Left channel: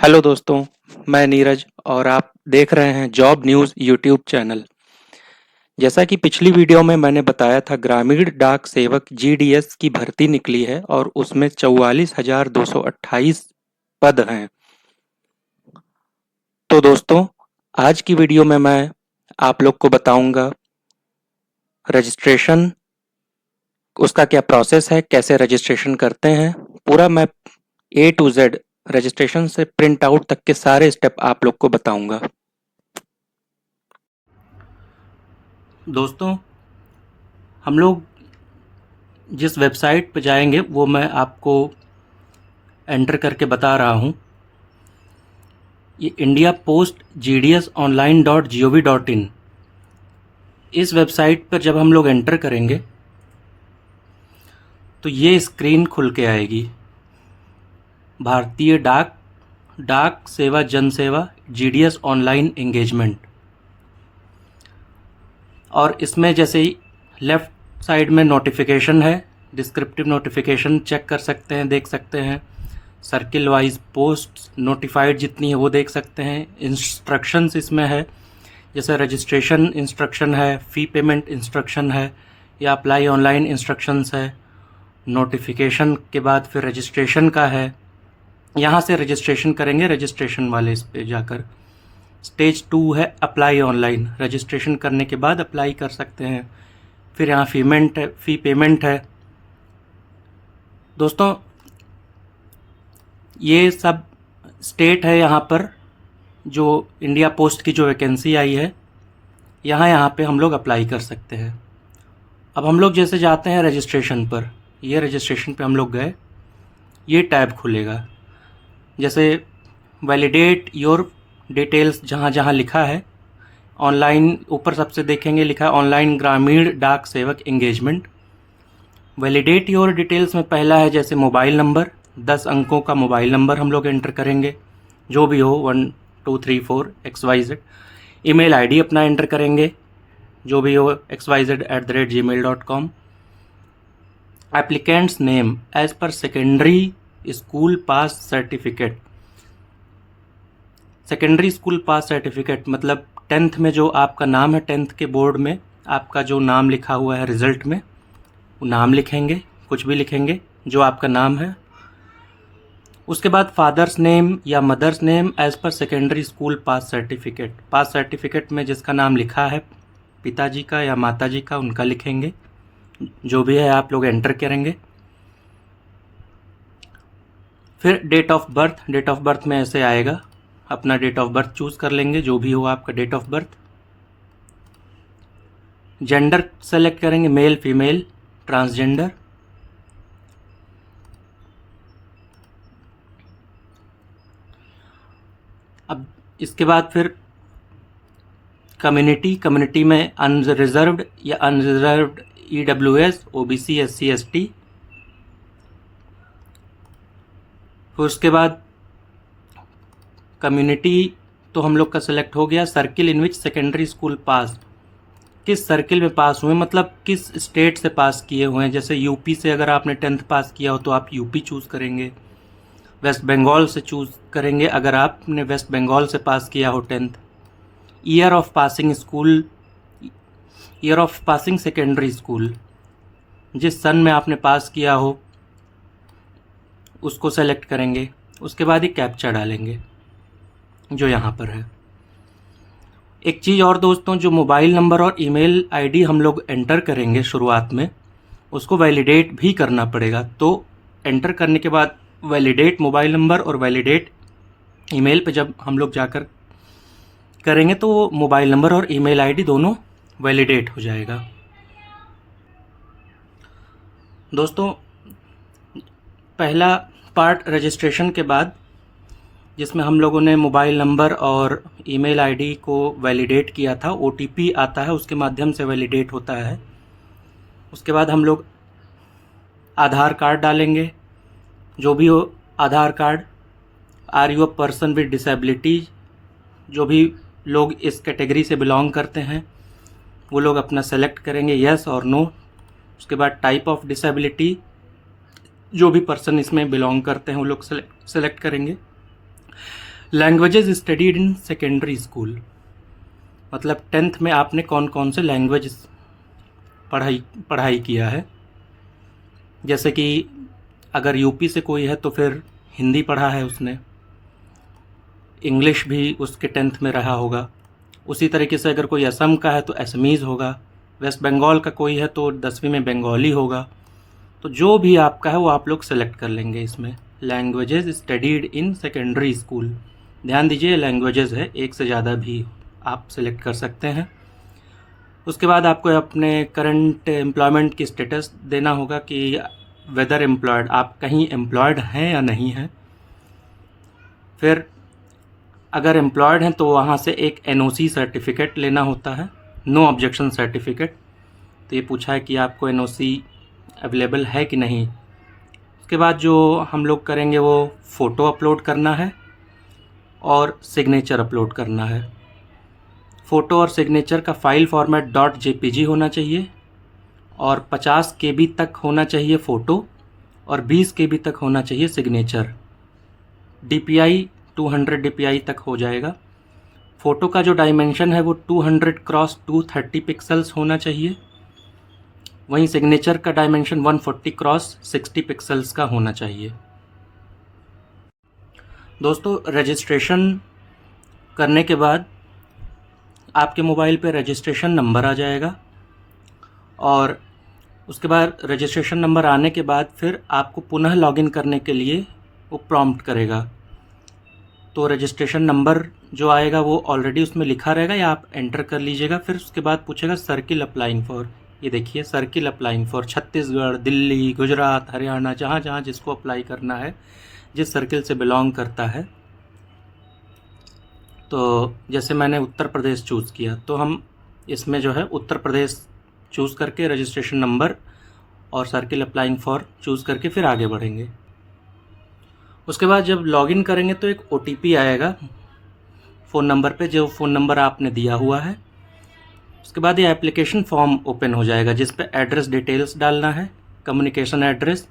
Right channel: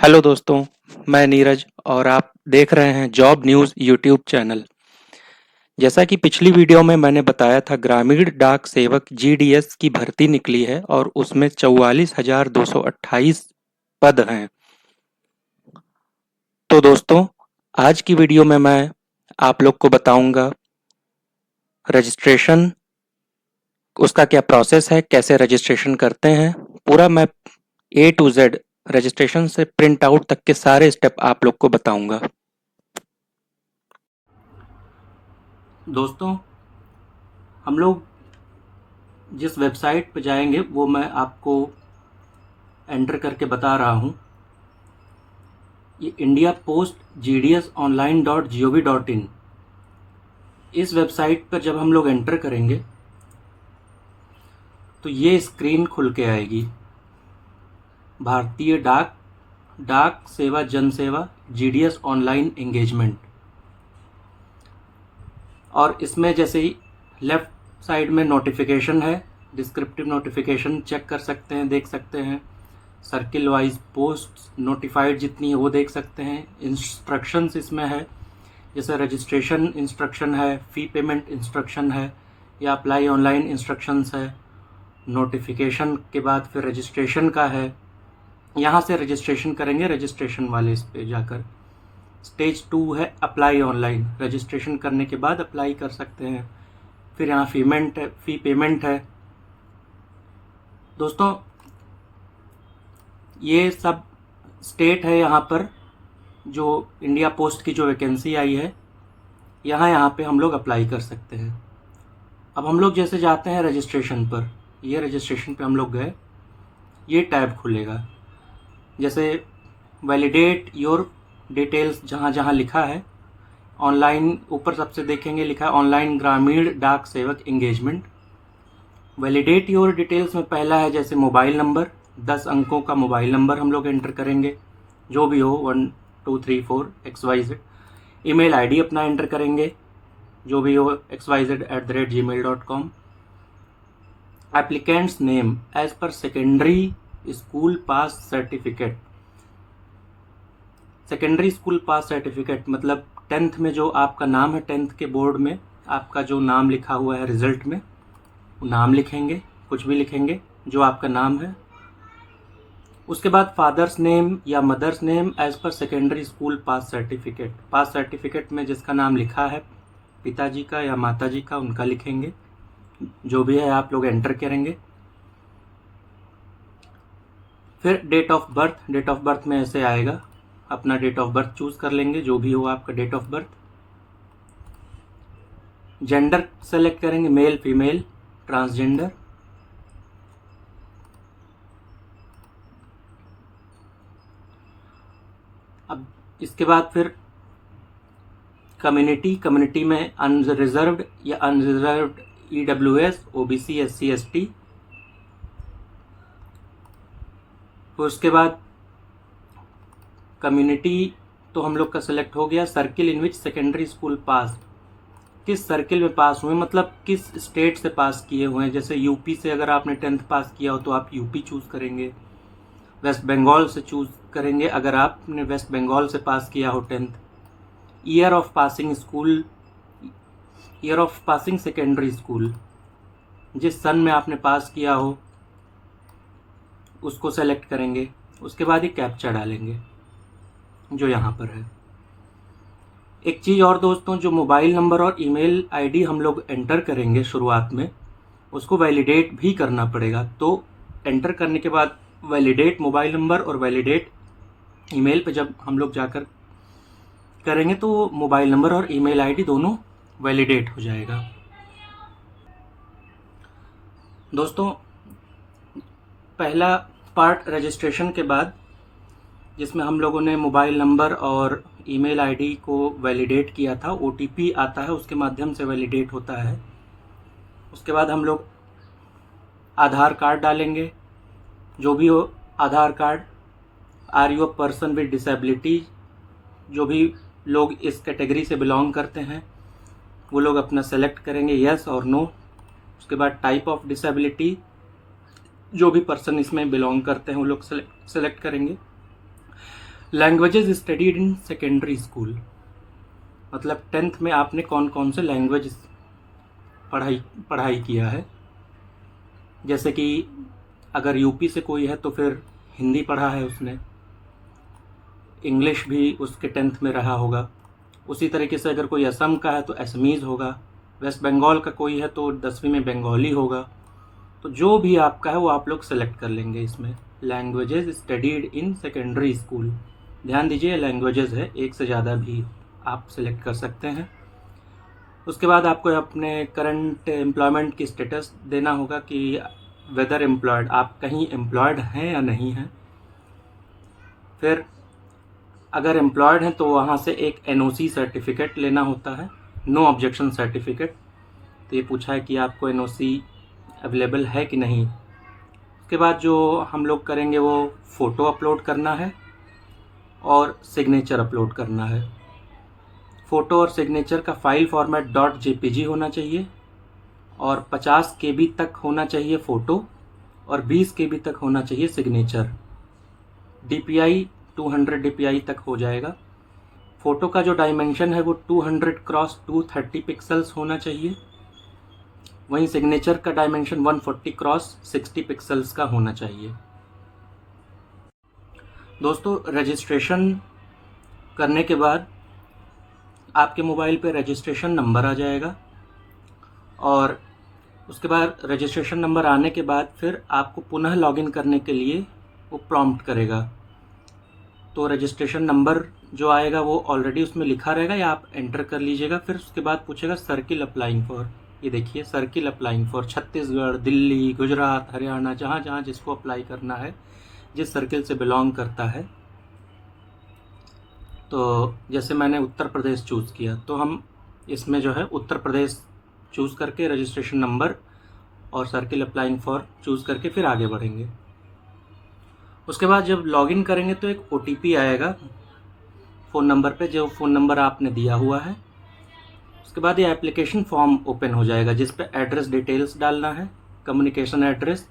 Hello दोस्तों, मैं नीरज और आप देख रहे हैं जॉब न्यूज़ यूट्यूब चैनल। जैसा कि पिछली वीडियो में मैंने बताया था, ग्रामीण डाक सेवक जीडीएस की भर्ती निकली है और उसमें 44,228 पद हैं। तो दोस्तों, आज की वीडियो में मैं आप लोग को बताऊंगा रजिस्ट्रेशन, उसका क्या प्रोसेस है, कैसे रजिस्ट्रेशन करते हैं। पूरा मैं ए टू जेड रजिस्ट्रेशन से प्रिंट आउट तक के सारे स्टेप आप लोग को बताऊंगा। दोस्तों, हम लोग जिस वेबसाइट पर जाएंगे वो मैं आपको एंटर करके बता रहा हूँ। ये इंडिया पोस्ट gds online.gov.in, इस वेबसाइट पर जब हम लोग एंटर करेंगे तो ये स्क्रीन खुल के आएगी। भारतीय डाक डाक सेवा जन सेवा जीडीएस ऑनलाइन एंगेजमेंट। और इसमें जैसे ही लेफ़्ट साइड में नोटिफिकेशन है, डिस्क्रिप्टिव नोटिफिकेशन चेक कर सकते हैं, देख सकते हैं। सर्किल वाइज पोस्ट नोटिफाइड जितनी है वो देख सकते हैं। इंस्ट्रक्शंस इसमें है, जैसे रजिस्ट्रेशन इंस्ट्रक्शन है, फ़ी पेमेंट इंस्ट्रक्शन है, या अप्लाई ऑनलाइन इंस्ट्रक्शंस है। नोटिफिकेशन के बाद फिर रजिस्ट्रेशन का है, यहाँ से रजिस्ट्रेशन करेंगे, रजिस्ट्रेशन वाले इस पे जाकर। स्टेज 2 है अप्लाई ऑनलाइन, रजिस्ट्रेशन करने के बाद अप्लाई कर सकते हैं। फिर यहाँ फ़ी पेमेंट है। दोस्तों, ये सब स्टेट है यहाँ पर जो इंडिया पोस्ट की जो वैकेंसी आई है, यहाँ पे हम लोग अप्लाई कर सकते हैं। अब हम लोग जैसे जाते हैं रजिस्ट्रेशन पर, ये रजिस्ट्रेशन पे हम लोग गए, ये टैब खुलेगा। जैसे वैलिडेट योर डिटेल्स जहाँ जहाँ लिखा है, ऑनलाइन ऊपर सबसे देखेंगे लिखा है ऑनलाइन ग्रामीण डाक सेवक एंगेजमेंट। वैलिडेट योर डिटेल्स में पहला है जैसे मोबाइल नंबर, 10 अंकों का मोबाइल नंबर हम लोग एंटर करेंगे, जो भी हो 1234XYZ। ईमेल आईडी अपना एंटर करेंगे, जो भी हो xyz@gmail.com। Applicant's name as per secondary school pass certificate. Secondary school pass certificate मतलब 10th में जो आपका नाम है, 10th के बोर्ड में आपका जो नाम लिखा हुआ है रिज़ल्ट में, वो नाम लिखेंगे, कुछ भी लिखेंगे जो आपका नाम है। उसके बाद फादर्स नेम या mother's name as per secondary school pass certificate. Pass certificate में जिसका नाम लिखा है, पिताजी का या माताजी का, उनका लिखेंगे, जो भी है आप लोग एंटर करेंगे। फिर date of birth, date of birth में ऐसे आएगा, अपना डेट ऑफ बर्थ चूज़ कर लेंगे, जो भी हो आपका date of birth. Gender select करेंगे, मेल फीमेल ट्रांसजेंडर। अब इसके बाद फिर कम्युनिटी में अनरिजर्व्ड या unreserved EWS, OBC, SC, ST। फिर उसके बाद कम्युनिटी तो हम लोग का सिलेक्ट हो गया। सर्किल इन विच सेकेंडरी स्कूल पास, किस सर्किल में पास हुए, मतलब किस स्टेट से पास किए हुए हैं। जैसे यूपी से अगर आपने 10th पास किया हो तो आप यूपी चूज़ करेंगे। वेस्ट बंगाल से चूज़ करेंगे अगर आपने वेस्ट बंगाल से पास किया हो 10th। Year of passing school, year of passing secondary school, जिस सन में आपने पास किया हो उसको सेलेक्ट करेंगे। उसके बाद ही कैप्चा डालेंगे जो यहाँ पर है। एक चीज़ और दोस्तों, जो मोबाइल नंबर और ईमेल आईडी हम लोग एंटर करेंगे शुरुआत में, उसको वैलिडेट भी करना पड़ेगा। तो एंटर करने के बाद वैलिडेट मोबाइल नंबर और वैलिडेट ईमेल पे जब हम लोग जाकर करेंगे तो मोबाइल नंबर और ईमेल आईडी दोनों वैलिडेट हो जाएगा। दोस्तों, पहला पार्ट रजिस्ट्रेशन के बाद, जिसमें हम लोगों ने मोबाइल नंबर और ईमेल आईडी को वैलिडेट किया था, OTP आता है, उसके माध्यम से वैलिडेट होता है। उसके बाद हम लोग आधार कार्ड डालेंगे, जो भी हो Aadhaar card. Are you a person with disability, जो भी लोग इस कैटेगरी से बिलोंग करते हैं वो लोग अपना सेलेक्ट करेंगे, येस और नो। उसके बाद टाइप ऑफ डिसेबिलिटी, जो भी पर्सन इसमें बिलोंग करते हैं वो लोग सेलेक्ट करेंगे। Languages studied in secondary school, मतलब 10th में आपने कौन कौन से लैंग्वेज पढ़ाई किया है। जैसे कि अगर यूपी से कोई है तो फिर हिंदी पढ़ा है उसने, इंग्लिश भी उसके 10th में रहा होगा। उसी तरीके से अगर कोई असम का है तो असमीज़ होगा, वेस्ट बंगाल का कोई है तो 10वीं में बंगाली होगा। तो जो भी आपका है वो आप लोग सेलेक्ट कर लेंगे इसमें। Languages studied in secondary school, ध्यान दीजिए लैंग्वेजेस है, एक से ज़्यादा भी आप सेलेक्ट कर सकते हैं। उसके बाद आपको अपने करंट एम्प्लॉयमेंट की स्टेटस देना होगा कि वेदर एम्प्लॉयड, आप कहीं एम्प्लॉयड हैं या नहीं हैं। फिर अगर एम्प्लॉयड हैं तो वहाँ से एक NOC सर्टिफिकेट लेना होता है, नो ऑब्जेक्शन सर्टिफिकेट। तो ये पूछा है कि आपको NOC अवेलेबल है कि नहीं। उसके बाद जो हम लोग करेंगे वो फ़ोटो अपलोड करना है और सिग्नेचर अपलोड करना है। फ़ोटो और सिग्नेचर का फ़ाइल फॉर्मेट .jpg होना चाहिए और 50 KB तक होना चाहिए फ़ोटो और 20 KB तक होना चाहिए सिग्नेचर। DPI 200 DPI तक हो जाएगा। फ़ोटो का जो डायमेंशन है वो 200x230 पिक्सल्स होना चाहिए, वहीं सिग्नेचर का डायमेंशन 140x60 पिक्सल्स का होना चाहिए। दोस्तों, रजिस्ट्रेशन करने के बाद आपके मोबाइल पे रजिस्ट्रेशन नंबर आ जाएगा और उसके बाद रजिस्ट्रेशन नंबर आने के बाद फिर आपको पुनः लॉगिन करने के लिए वो प्रॉम्प्ट करेगा। तो रजिस्ट्रेशन नंबर जो आएगा वो ऑलरेडी उसमें लिखा रहेगा या आप एंटर कर लीजिएगा। फिर उसके बाद पूछेगा सर्किल अप्लाइंग फॉर, ये देखिए circle applying for Chhattisgarh, Delhi, Gujarat, Haryana, जहाँ जहाँ जिसको अप्लाई करना है, जिस सर्किल से बिलोंग करता है। तो जैसे मैंने उत्तर प्रदेश चूज़ किया तो हम इसमें जो है उत्तर प्रदेश चूज़ करके रजिस्ट्रेशन नंबर और सर्किल अप्लाइंग फॉर चूज़ करके फिर आगे बढ़ेंगे। उसके बाद जब लॉगिन करेंगे तो एक OTP आएगा फ़ोन नंबर पे, जो फ़ोन नंबर आपने दिया हुआ है। उसके बाद ये एप्लीकेशन फॉर्म ओपन हो जाएगा जिस पे एड्रेस डिटेल्स डालना है, communication address,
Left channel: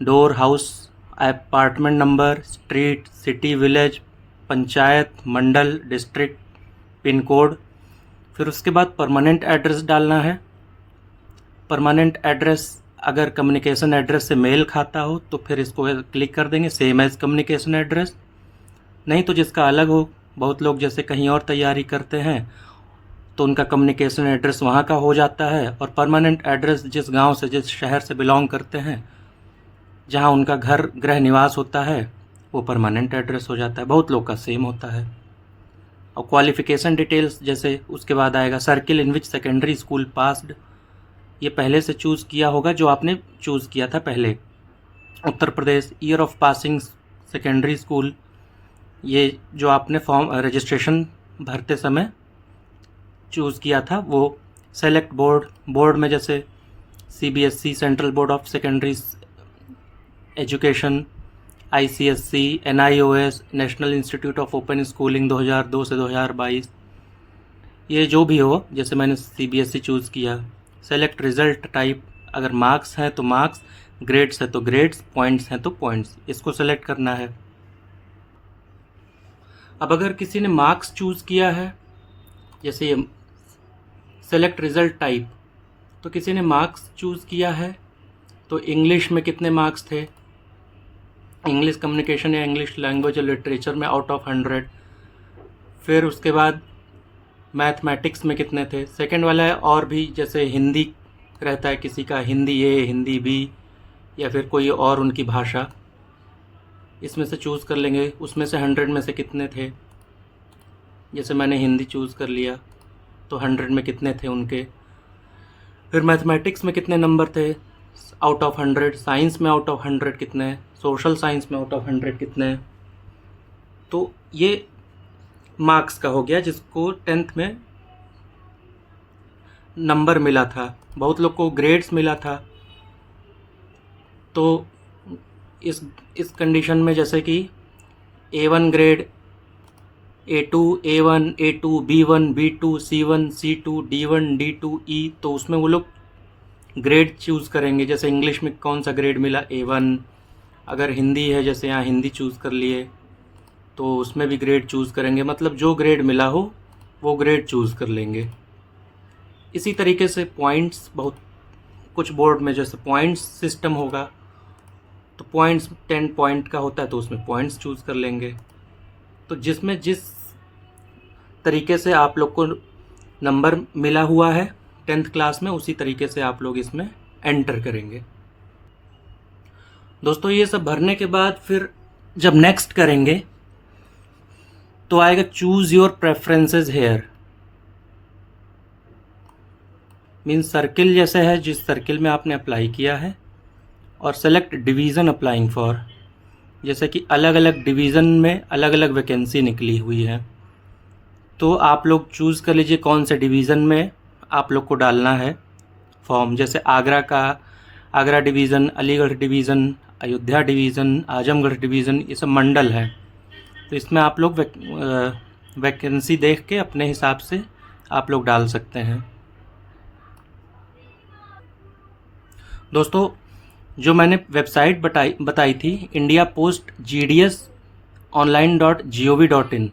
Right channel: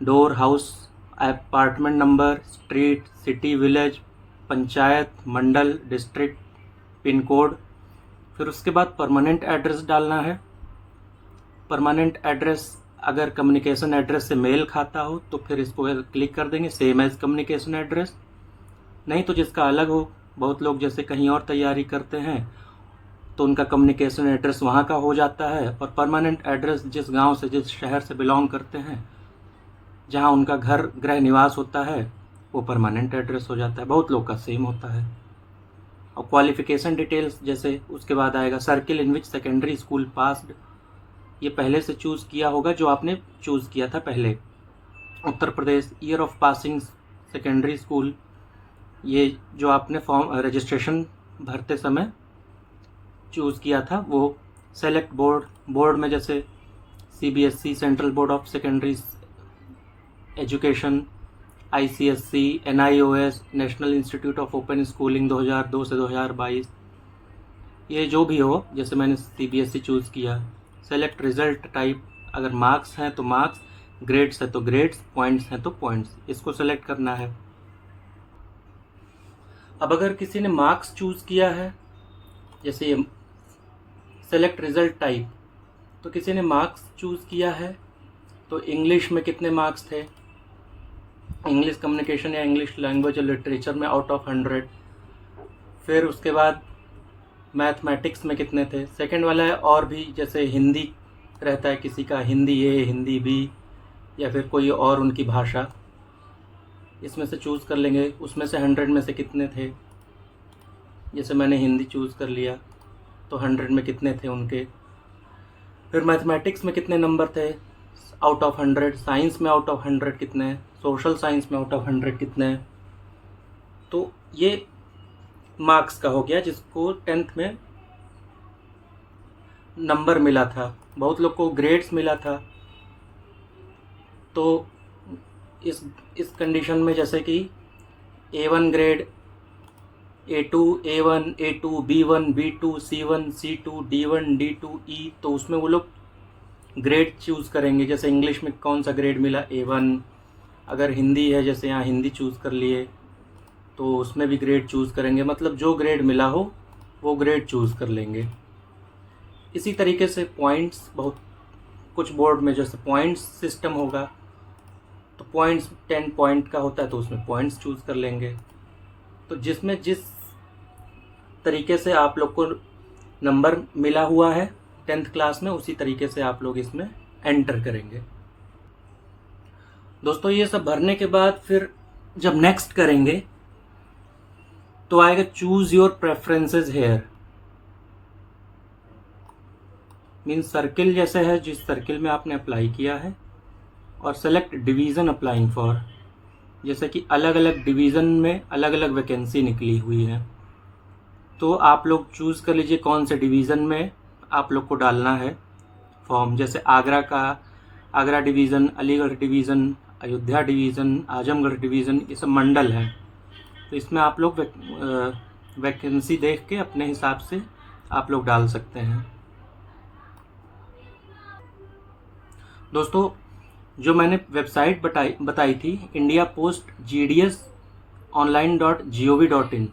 door, house, apartment number, street, city, village, panchayat, mandal, district, pin code. फिर उसके बाद परमानेंट एड्रेस डालना है। परमानेंट एड्रेस अगर कम्युनिकेशन एड्रेस से मेल खाता हो तो फिर इसको क्लिक कर देंगे सेम एज कम्युनिकेशन एड्रेस, नहीं तो जिसका अलग हो। बहुत लोग जैसे कहीं और तैयारी करते हैं तो उनका कम्युनिकेशन एड्रेस वहाँ का हो जाता है और परमानेंट एड्रेस जिस गांव से, जिस शहर से बिलोंग करते हैं, जहाँ उनका घर गृह निवास होता है, वो परमानेंट एड्रेस हो जाता है। बहुत लोग का सेम होता है। और क्वालिफ़िकेशन डिटेल्स जैसे उसके बाद आएगा सर्किल इन विच सेकेंडरी स्कूल पास्ड, ये पहले से चूज़ किया होगा जो आपने चूज़ किया था पहले। Uttar Pradesh, year of passing secondary school, ये जो आपने फॉर्म रजिस्ट्रेशन भरते समय चूज़ किया था वो। सेलेक्ट बोर्ड, बोर्ड में जैसे CBSE central board of secondary education, ICSC, NIOS national institute of open schooling 2002 से 2022, ये जो भी हो, जैसे मैंने CBSE चूज़ किया। सेलेक्ट रिज़ल्ट टाइप, अगर मार्क्स हैं तो मार्क्स, ग्रेड्स है तो ग्रेड्स, पॉइंट्स हैं तो पॉइंट्स, इसको सेलेक्ट करना है। अब अगर किसी ने मार्क्स चूज़ किया है, जैसे सेलेक्ट रिज़ल्ट टाइप, तो किसी ने मार्क्स चूज़ किया है तो इंग्लिश में कितने मार्क्स थे, इंग्लिश कम्युनिकेशन या इंग्लिश लैंग्वेज या लिटरेचर में आउट ऑफ 100। फिर उसके बाद मैथमेटिक्स में कितने थे, सेकंड वाला है। और भी जैसे हिंदी रहता है किसी का, हिंदी A, हिंदी B या फिर कोई और उनकी भाषा, इसमें से चूज़ कर लेंगे उसमें से 100 में से कितने थे। जैसे मैंने हिंदी चूज़ कर लिया तो 100 में कितने थे उनके। फिर मैथमेटिक्स में कितने नंबर थे आउट ऑफ 100, साइंस में आउट ऑफ 100 कितने, सोशल साइंस में आउट ऑफ 100 कितने। तो ये मार्क्स का हो गया जिसको 10th में नंबर मिला था। बहुत लोग को ग्रेड्स मिला था। तो इस कंडीशन में जैसे कि A1 grade, A2 A1, A2 B1, B2 C1, C2 D1, D2 E, तो उसमें वो लोग ग्रेड चूज़ करेंगे। जैसे इंग्लिश में कौन सा ग्रेड मिला, A1। अगर हिंदी है जैसे यहाँ हिंदी चूज़ कर लिए तो उसमें भी ग्रेड चूज़ करेंगे, मतलब जो ग्रेड मिला हो वो ग्रेड चूज़ कर लेंगे। इसी तरीके से पॉइंट्स, बहुत कुछ बोर्ड में जैसे पॉइंट्स सिस्टम होगा, तो पॉइंट्स 10 पॉइंट का होता है तो उसमें पॉइंट्स चूज़ कर लेंगे। तो जिसमें जिस तरीके से आप लोग को नंबर मिला हुआ है 10th क्लास में, उसी तरीके से आप लोग इसमें एंटर करेंगे। दोस्तों ये सब भरने के बाद फिर जब नेक्स्ट करेंगे तो आएगा choose your preferences here. Means circle जैसे है जिस सर्किल में आपने अप्लाई किया है, और सेलेक्ट डिवीज़न अप्लाइंग फॉर, जैसे कि अलग अलग डिवीज़न में अलग अलग वैकेंसी निकली हुई है, तो आप लोग चूज़ कर लीजिए कौन से डिवीज़न में आप लोग को डालना है फॉर्म। जैसे Agra division, Aligarh division, Ayodhya division, Azamgarh division, ये सब मंडल है। तो इसमें आप लोग वैकेंसी देख के अपने हिसाब से आप लोग डाल सकते हैं। दोस्तों जो मैंने वेबसाइट बताई थी इंडिया पोस्ट gds.online.gov.in,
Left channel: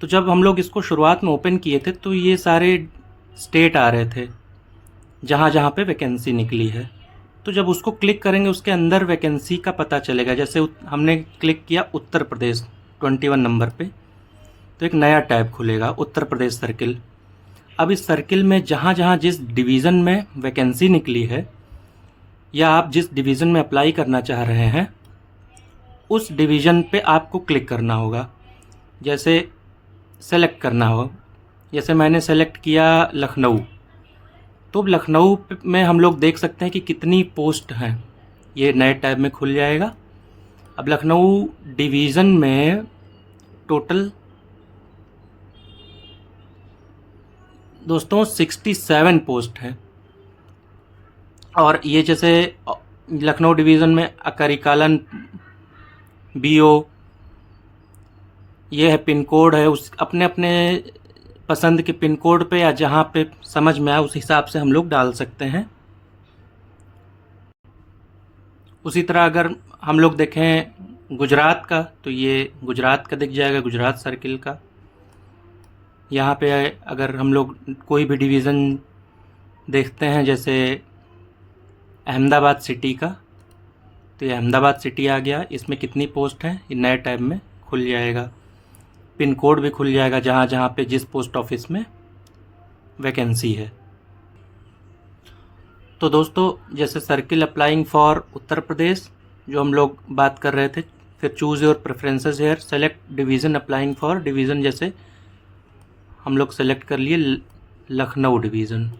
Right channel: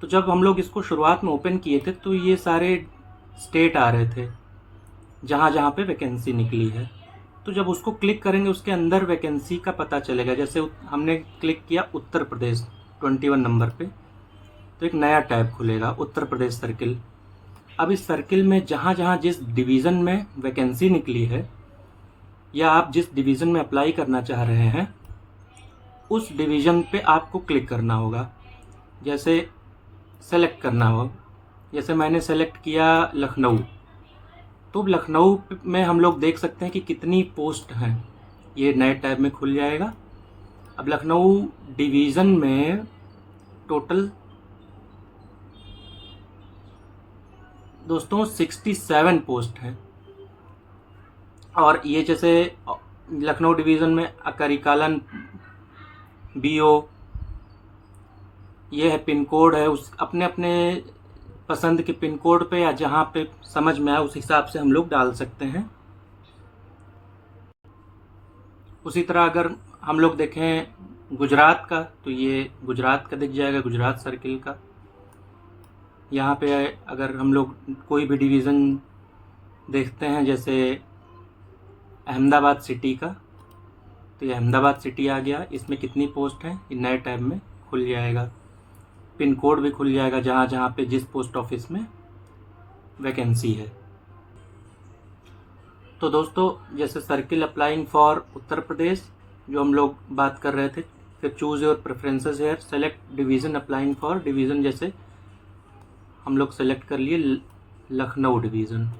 तो जब हम लोग इसको शुरुआत में ओपन किए थे तो ये सारे स्टेट आ रहे थे जहाँ जहाँ पे वैकेंसी निकली है। तो जब उसको क्लिक करेंगे उसके अंदर वैकेंसी का पता चलेगा। जैसे हमने क्लिक किया उत्तर प्रदेश 21 नंबर पे, तो एक नया टैब खुलेगा उत्तर प्रदेश सर्किल। अब इस सर्किल में जहाँ जहाँ जिस डिवीज़न में वैकेंसी निकली है या आप जिस डिवीज़न में अप्लाई करना चाह रहे हैं उस डिवीज़न पे आपको क्लिक करना होगा। जैसे सेलेक्ट करना हो, जैसे मैंने सेलेक्ट किया लखनऊ, तो लखनऊ में हम लोग देख सकते हैं कि कितनी पोस्ट हैं, ये नए टैब में खुल जाएगा। अब लखनऊ डिवीज़न में टोटल दोस्तों 67 पोस्ट हैं। और ये जैसे लखनऊ डिवीज़न में अकरीकालन BO, ये है पिन कोड है, उस अपने अपने पसंद के पिन कोड पे या जहाँ पे समझ में आए उस हिसाब से हम लोग डाल सकते हैं। उसी तरह अगर हम लोग देखें गुजरात का, तो ये गुजरात का दिख जाएगा, गुजरात सर्किल का। यहाँ पे अगर हम लोग कोई भी डिवीज़न देखते हैं जैसे अहमदाबाद सिटी का, तो ये अहमदाबाद सिटी आ गया। इसमें कितनी पोस्ट हैं ये नए टैब में खुल जाएगा। पिन कोड भी खुल जाएगा जहाँ जहाँ पे जिस पोस्ट ऑफिस में वैकेंसी है। तो दोस्तों जैसे circle applying for Uttar Pradesh जो हम लोग बात कर रहे थे, फिर choose your preferences here, select division applying for division, जैसे हम लोग सेलेक्ट कर लिए लखनऊ डिवीज़न।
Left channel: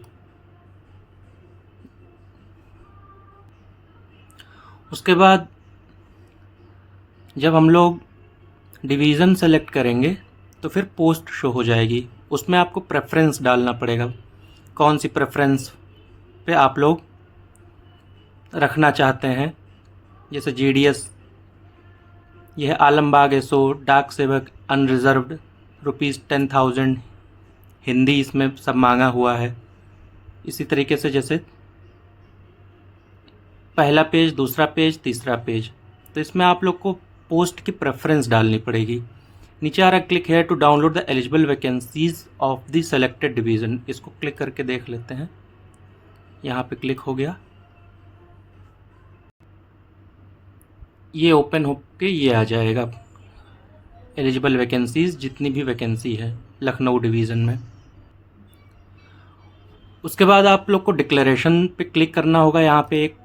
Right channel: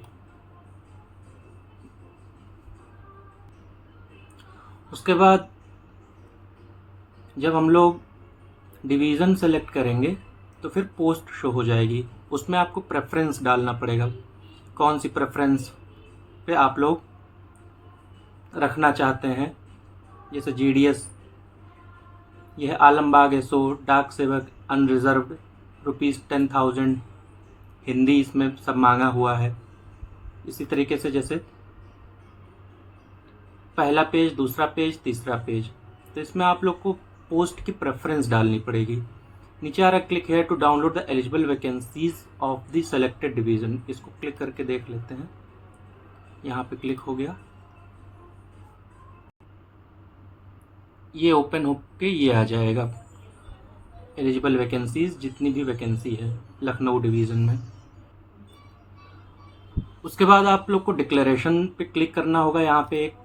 उसके बाद जब हम लोग डिवीज़न सेलेक्ट करेंगे तो फिर पोस्ट शो हो जाएगी। उसमें आपको प्रेफरेंस डालना पड़ेगा, कौन सी प्रेफरेंस पे आप लोग रखना चाहते हैं। जैसे GDS, यह आलमबाग SO, डाक सेवक अनरिजर्व्ड ₹10,000, हिंदी इसमें सब मांगा हुआ है। इसी तरीके से जैसे पहला पेज, दूसरा पेज, तीसरा पेज, तो इसमें आप लोग को पोस्ट की प्रेफरेंस डालनी पड़ेगी। नीचे आ रहा click here to download the eligible vacancies of the selected division, इसको क्लिक करके देख लेते हैं। यहाँ पे क्लिक हो गया, ये ओपन होके ये आ जाएगा एलिजिबल वैकेंसीज, जितनी भी वैकेंसी है लखनऊ डिवीज़न में। उसके बाद आप लोग को डिक्लेरेशन पे क्लिक करना होगा। यहाँ पे एक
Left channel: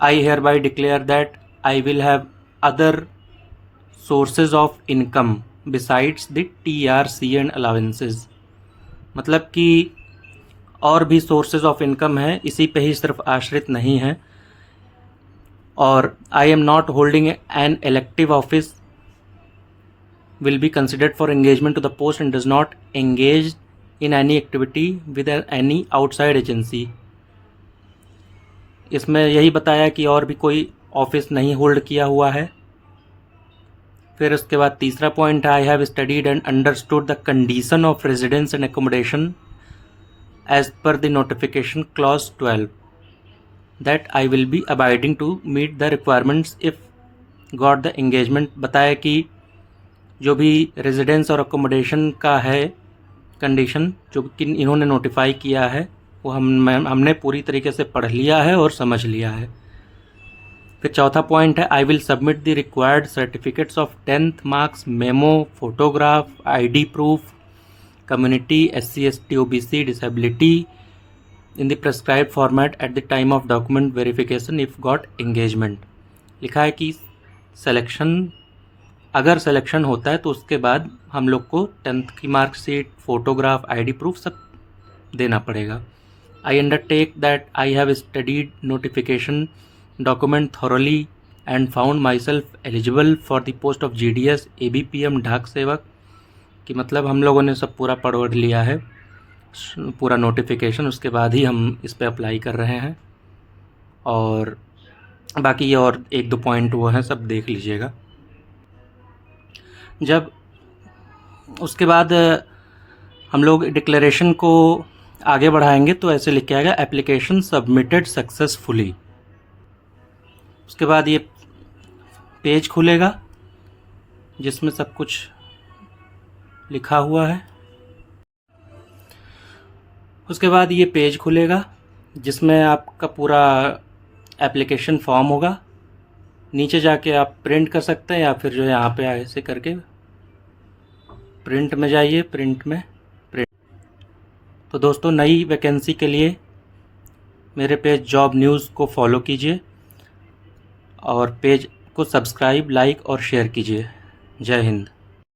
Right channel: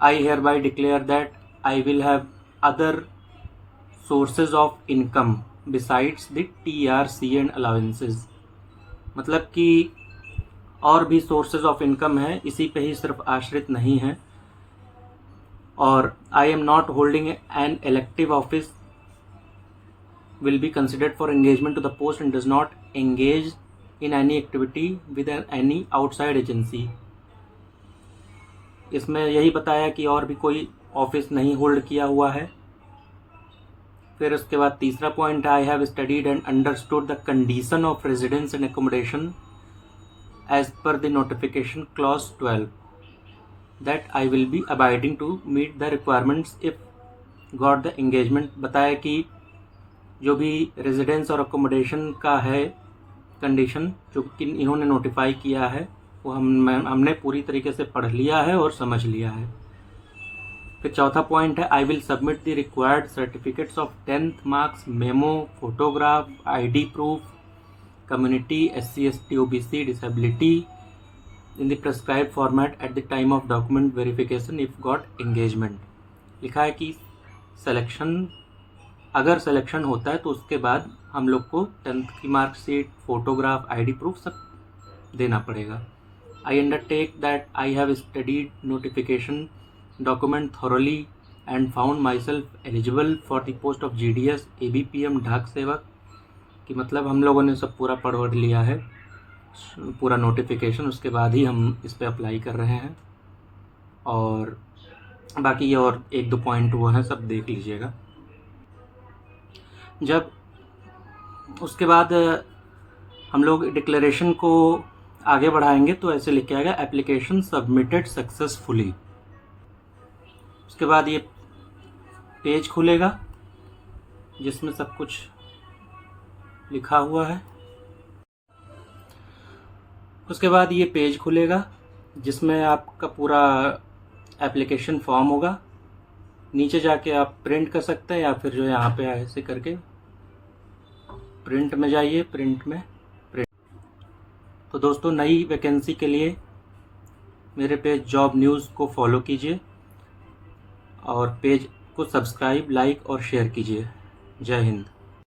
I hereby declare that I will have other sources of income besides the TRC and allowances, मतलब कि और भी सोर्सेज ऑफ इनकम है, इसी पे ही सिर्फ आश्रित नहीं है। और I am not holding N elective office will be considered for engagement to the post and does not engage in any activity with any outside agency। इसमें यही बताया कि और भी कोई ऑफिस नहीं होल्ड किया हुआ है। फिर उसके बाद तीसरा पॉइंट है, I have studied and understood the condition of residence and accommodation as per the notification clause 12 that I will be abiding to meet the requirements if got the engagement. बताया कि जो भी रेजिडेंस और accommodation का है condition जो कि इन्होंने नोटिफाई किया है वो हमने पूरी तरीके से पढ़ लिया है और समझ लिया है। फिर चौथा पॉइंट है, I will submit the required certificates of 10th marks, memo, photograph, ID proof, community, SC ST OBC, disability in the prescribed format at the time of document verification if got engagement. लिखा है कि अगर selection होता है तो उसके बाद हम लोग को 10th की मार्कशीट, फोटोग्राफ, आईडी प्रूफ सब देना पड़ेगा। I undertake that I have studied notification document thoroughly and found myself eligible for the post of GDS ABPM डाक सेवक। कि मतलब हम लोगों ने सब पूरा पढ़ लिया है, पूरा नोटिफिकेशन, उसके बाद ही हम इस पर अप्लाई कर रहे हैं। और बाकी ये और 1-2 पॉइंट वो हैं, सब देख लीजिएगा। जब उसके बाद हम लोग डिक्लेरेशन को आगे बढ़ाएंगे तो ऐसे लिख के आएगा, एप्लीकेशन सबमिटेड सक्सेसफुली। उसके बाद ये पेज खुलेगा जिसमें सब कुछ लिखा हुआ है। उसके बाद ये पेज खुलेगा जिसमें आपका पूरा एप्लीकेशन फॉर्म होगा। नीचे जाके आप प्रिंट कर सकते हैं या फिर जो है यहाँ पे ऐसे करके प्रिंट में जाइए, प्रिंट में प्रिंट। तो दोस्तों, नई वैकेंसी के लिए मेरे पेज जॉब न्यूज़ को फॉलो कीजिए और पेज को सब्सक्राइब, लाइक और शेयर कीजिए। जय हिंद।